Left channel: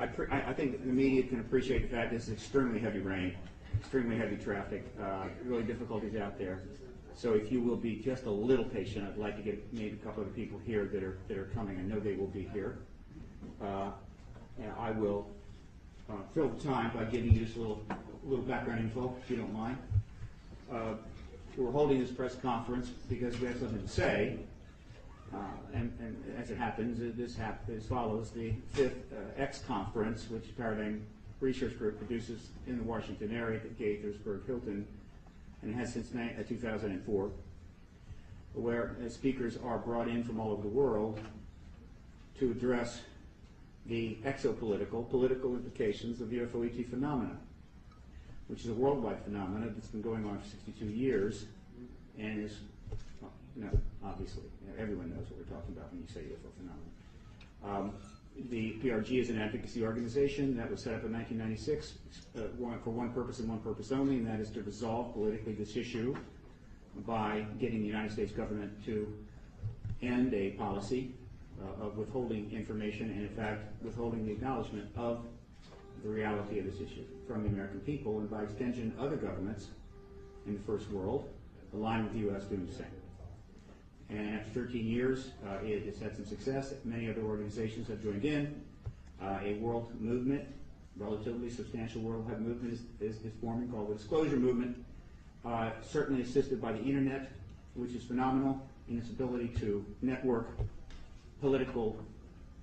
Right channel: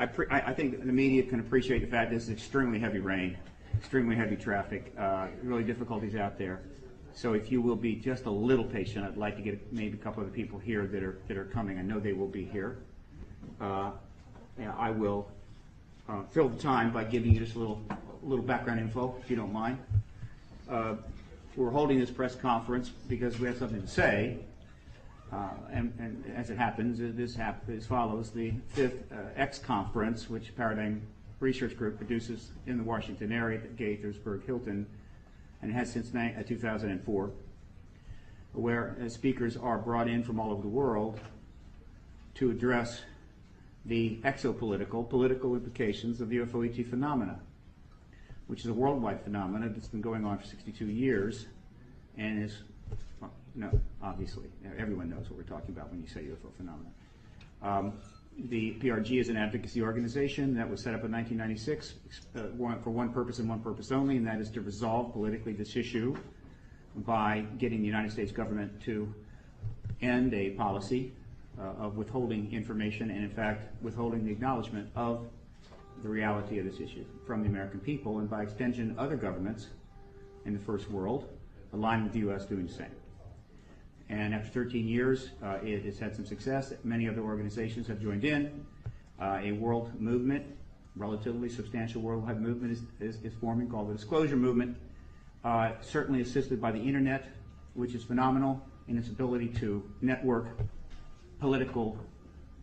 I think the media can appreciate the fact this is extremely heavy rain, extremely heavy traffic, really difficulties out there. So if you will be just a little patient, I'd like to get maybe a couple of the people here that are coming. I know they will be here. I will fill the time by giving you just a little background info, if you don't mind. We're holding this press conference because we have something to say. And as it happens, this follows the 5th X conference, which Paradigm Research Group produces in the Washington area at Gaithersburg Hilton, and it has since 2004, where speakers are brought in from all over the world to address the political implications of the UFO ET phenomena, which is a worldwide phenomenon that's been going on for 62 years and is, well, obviously, everyone knows what we're talking about when you say UFO phenomenon. The PRG is an advocacy organization that was set up in 1996 for one purpose and one purpose only, and that is to resolve politically this issue by getting the United States government to end a policy of withholding information and, in fact, withholding the acknowledgement of the reality of this issue from the American people, and by extension, other governments in the first world, aligned with the U.S. doing the same. And after 13 years, it has had some success. Many other organizations have joined in. A world movement, relatively substantial worldwide movement is forming, called the Disclosure Movement, certainly assisted by the internet, which is phenomenal in its ability to network political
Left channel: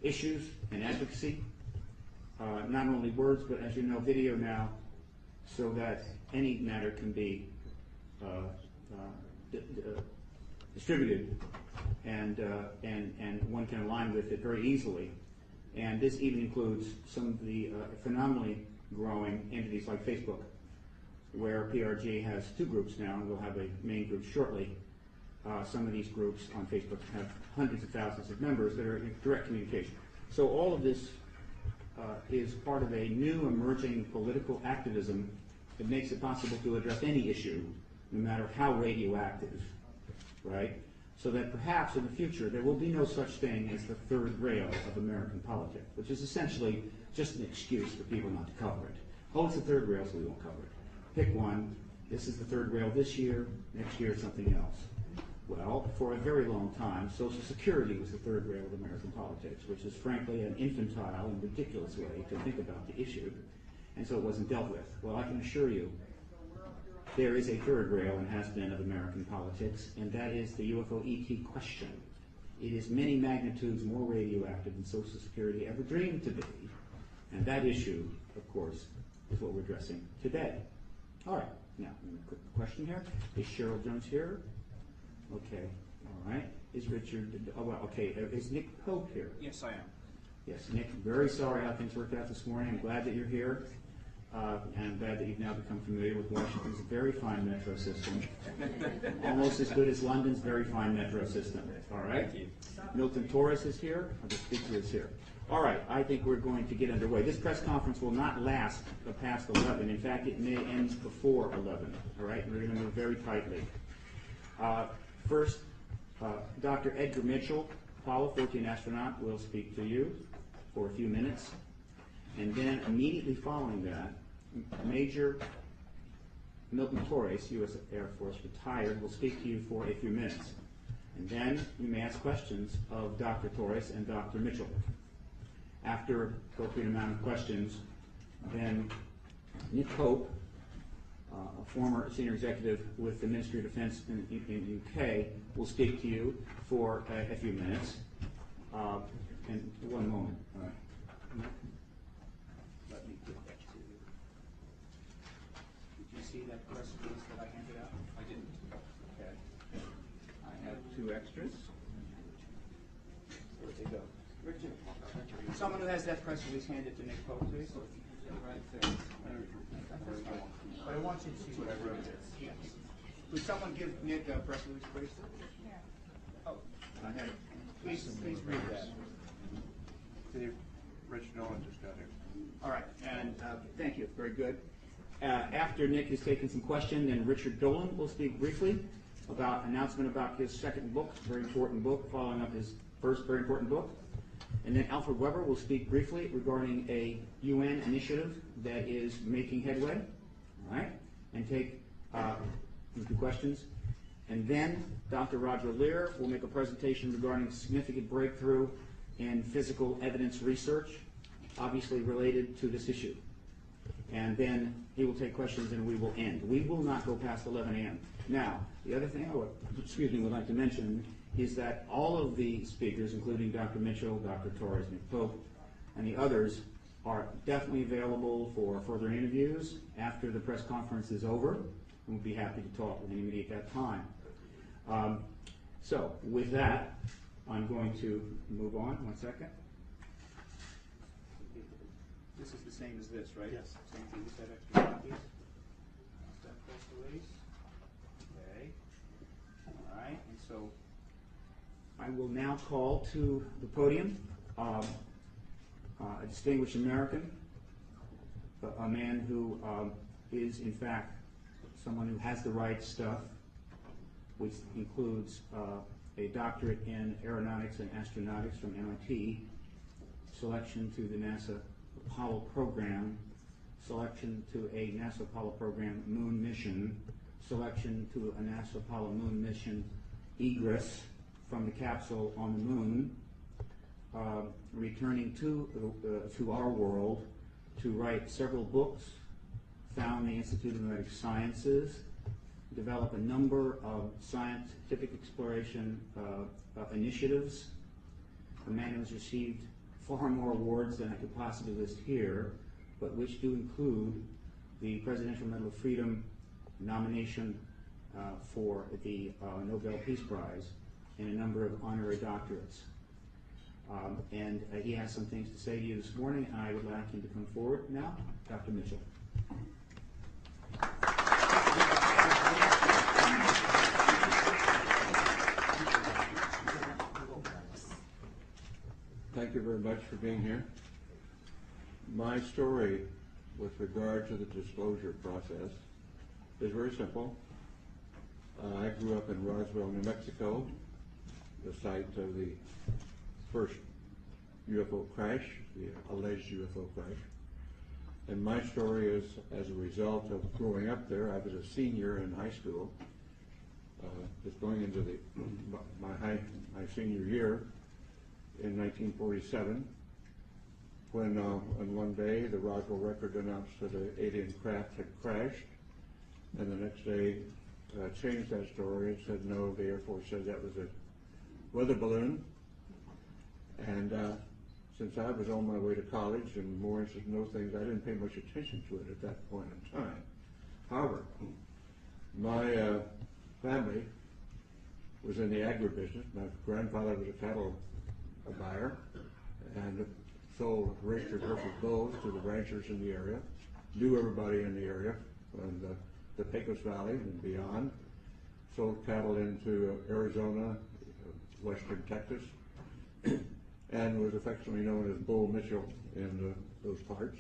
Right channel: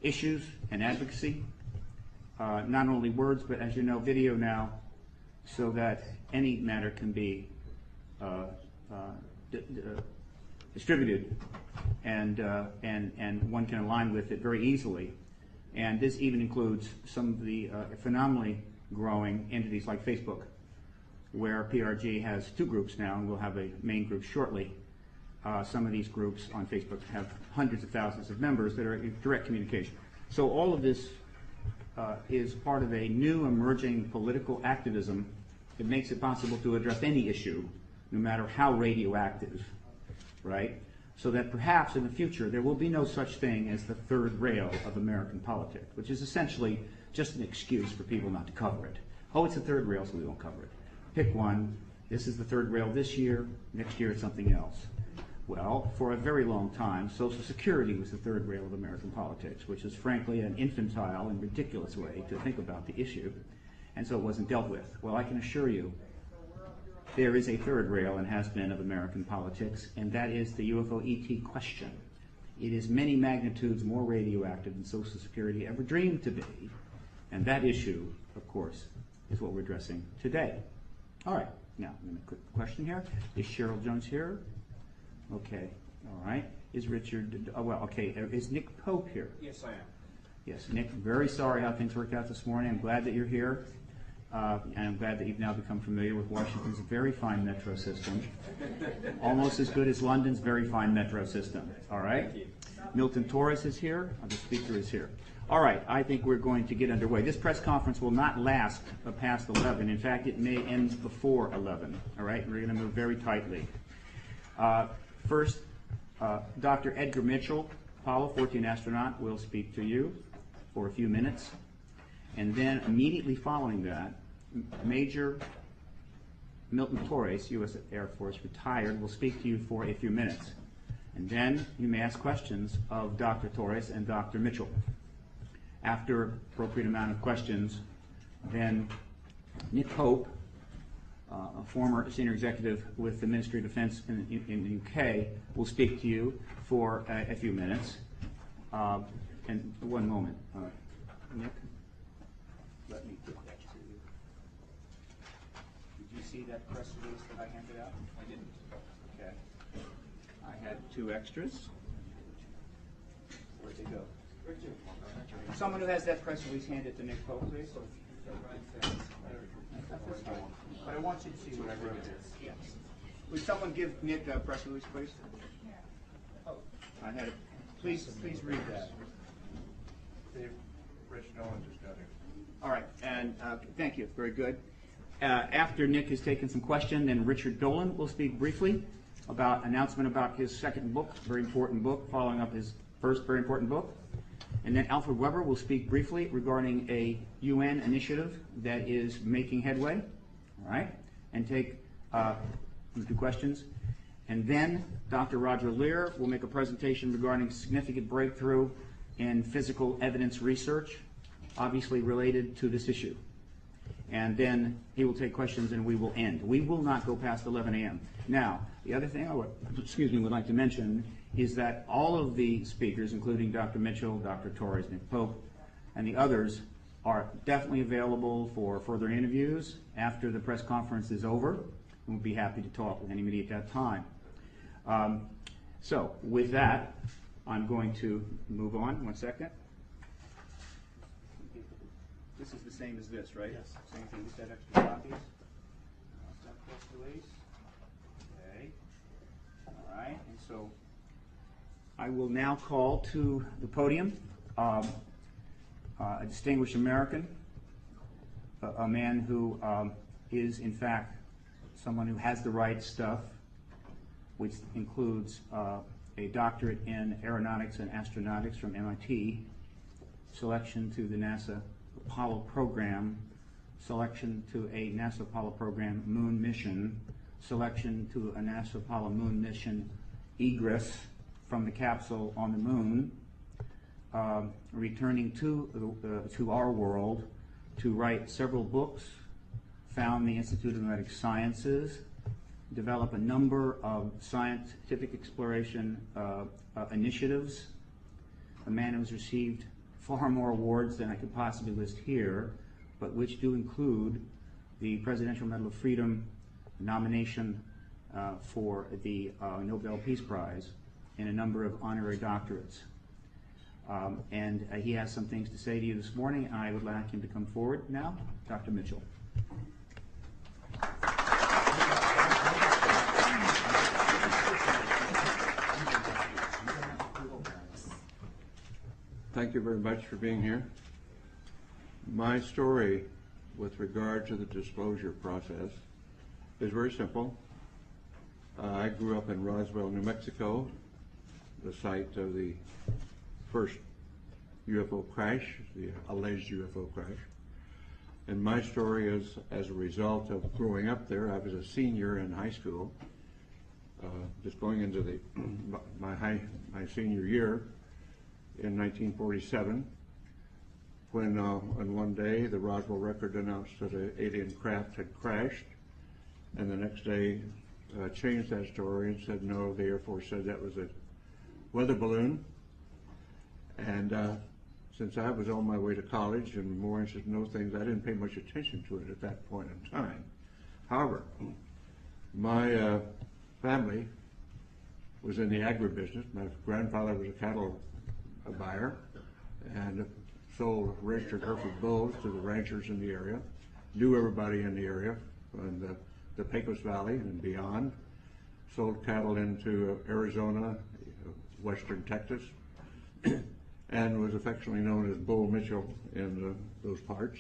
issues and advocacy. Not only words, but as you know, video now, so that any matter can be distributed, and one can align with it very easily. And this even includes some of the phenomenally growing entities like Facebook, where PRG has 2 groups now, and we'll have a main group shortly. Some of these groups on Facebook have hundreds of thousands of members that are in direct communication. So all of this is part of a new emerging political activism that makes it possible to address any issue, no matter how radioactive, right? So that perhaps in the future there will be no such thing as the third rail of American politics, which is essentially just an excuse for people not to cover it. Oh, it's the third rail, so we won't cover it. Pick one. This is the third rail this year. Next year it's something else. Well, for a very long time, Social Security was the third rail of American politics, which is frankly an infantile and ridiculous way to think about the issue, and so it wasn't dealt with. Well, I can assure you there is a third rail, and has been, of American politics, and that is the UFO ET question. It is many magnitudes more radioactive than Social Security ever dreamed to be, and that issue, of course, is what we're addressing today. All right, now, a quick question here. Is Cheryl Jones here? Okay, all right. Is Richard, is Nick Pope here? Yes, I am. Yes, Nick, very sorry how things worked out this morning. I'm glad that you're here. And I'm glad that you've now become familiar with Washington's very fine metro system. Almost as good as London's very fine metro system. All right? Milton Torres is here. The speaker is here. All right, I think we're going to get underway. This press conference will not last past 11. In fact, it may end before 11. All right? We're going to move very tightly. First, Dr. Edgar Mitchell, Apollo 14 astronaut, will speak to you for a few minutes. And then immediately following that, Major Milton Torres, U.S. Air Force retired, will speak to you for a few minutes. And then you may ask questions of Dr. Torres and Dr. Mitchell. After appropriate amount of questions, then Nick Pope, a former senior executive with the Ministry of Defense in the UK, will speak to you for a few minutes. And one moment. Nick? Let me get that to you. Did you see that press release that I handed out? I didn't. Okay. I have 2 extras. Where'd they go? Someone who has that press release, hand it to Nick Pope, please. But I want you to see what I wrote. Yes. Would someone give Nick a press release, please? Oh, I had. Please read that. Rich Nolan just got here. All right, and thank you. Very good. After Nick has taken some questions, then Richard Dolan will speak briefly about announcement about his second book, very important book, following up his first very important book. And then Alfred Weber will speak briefly regarding a UN initiative that is making headway, all right, and take a few questions. And then Dr. Roger Lear will make a presentation regarding significant breakthrough in physical evidence research, obviously related to this issue. And then he will take questions and we will end. We will not go past 11 a.m. Now, the other thing I would like to mention is that all of the speakers, including Dr. Mitchell, Dr. Torres, Nick Pope, and the others, are definitely available for further interviews after the press conference is over, and we'll be happy to talk with anybody at that time. So, with that, I'm going to move on. 1 second. This is the same as this, right? Yes. Same thing, set extra copies. That press release. Okay. All right, and so I will now call to the podium a distinguished American, a man who is in fact someone who has the right stuff, which includes a doctorate in aeronautics and astronautics from MIT, selection to the NASA Apollo program, selection to a NASA Apollo program moon mission, selection to a NASA Apollo moon mission egress from the capsule on the moon, returning to our world to write several books, found the Institute of Medical Sciences, develop a number of scientific exploration initiatives, a man who has received far more awards than I could possibly list here, but which do include the Presidential Medal of Freedom nomination for the Nobel Peace Prize and a number of honorary doctorates. And he has some things to say to you this morning, and I would like him to come forward now. Dr. Mitchell. Thank you very much for being here. My story with regard to the disclosure process is very simple. I grew up in Roswell, New Mexico, the site of the first UFO crash, the alleged UFO crash. And my story is as a result of growing up there. I was a senior in high school, just going into my senior year in 1947, when on one day the Roswell Record announced that an alien craft had crashed, and the next day changed that story and said no, the Air Force said that was a weather balloon. And since I was on my way to college and more interested in those things, I didn't pay much attention to it at that point in time. However, my family was in the agribusiness. My grandfather was a cattle buyer and sold registered Hereford bulls to the ranchers in the area, knew everybody in the area, and the Pecos Valley and beyond, sold cattle into Arizona, western Texas, and was affectionately known as Bull Mitchell in those parts.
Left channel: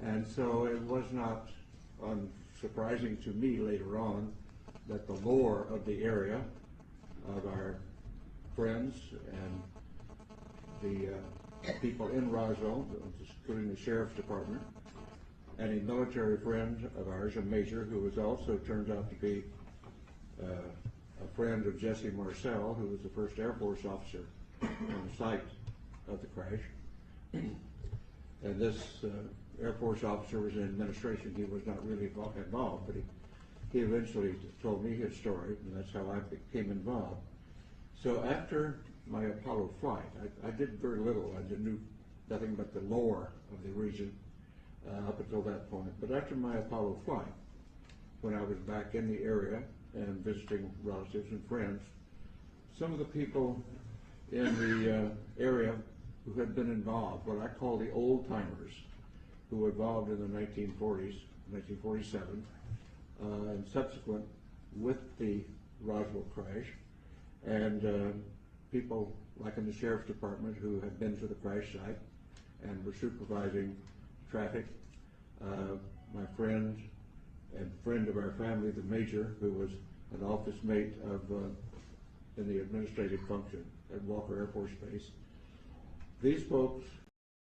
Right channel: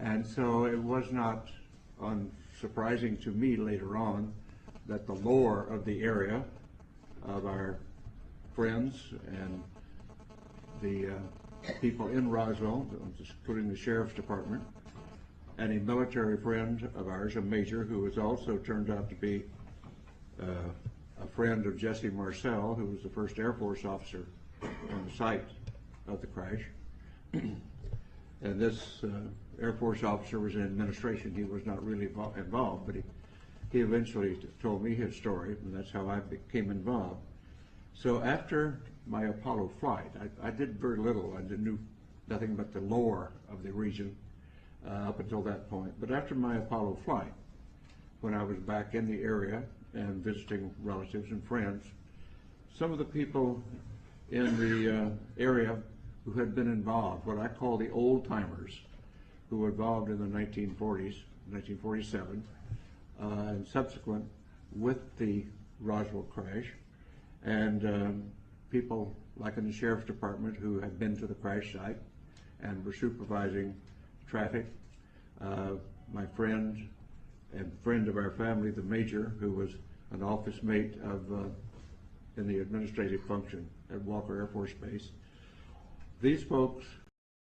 And so it was not surprising to me later on that the lore of the area, of our friends and the people in Roswell, including the sheriff's department, and a military friend of ours, a major, who was also turned out to be a friend of Jesse Marcel, who was the first Air Force officer on the site of the crash. And this Air Force officer was in administration. He was not really involved, but he eventually told me his story, and that's how I became involved. So after my Apollo flight, I did very little. I knew nothing but the lore of the region up until that point. But after my Apollo flight, when I was back in the area and visiting relatives and friends, some of the people in the area who had been involved, what I call the old timers, who were involved in the 1940s, 1947, and subsequent with the Roswell crash, and people like in the sheriff's department who had been to the crash site and were supervising traffic. My friend and friend of our family, the major, who was an office mate of in the administrative function at Walker Air Force Base. these folks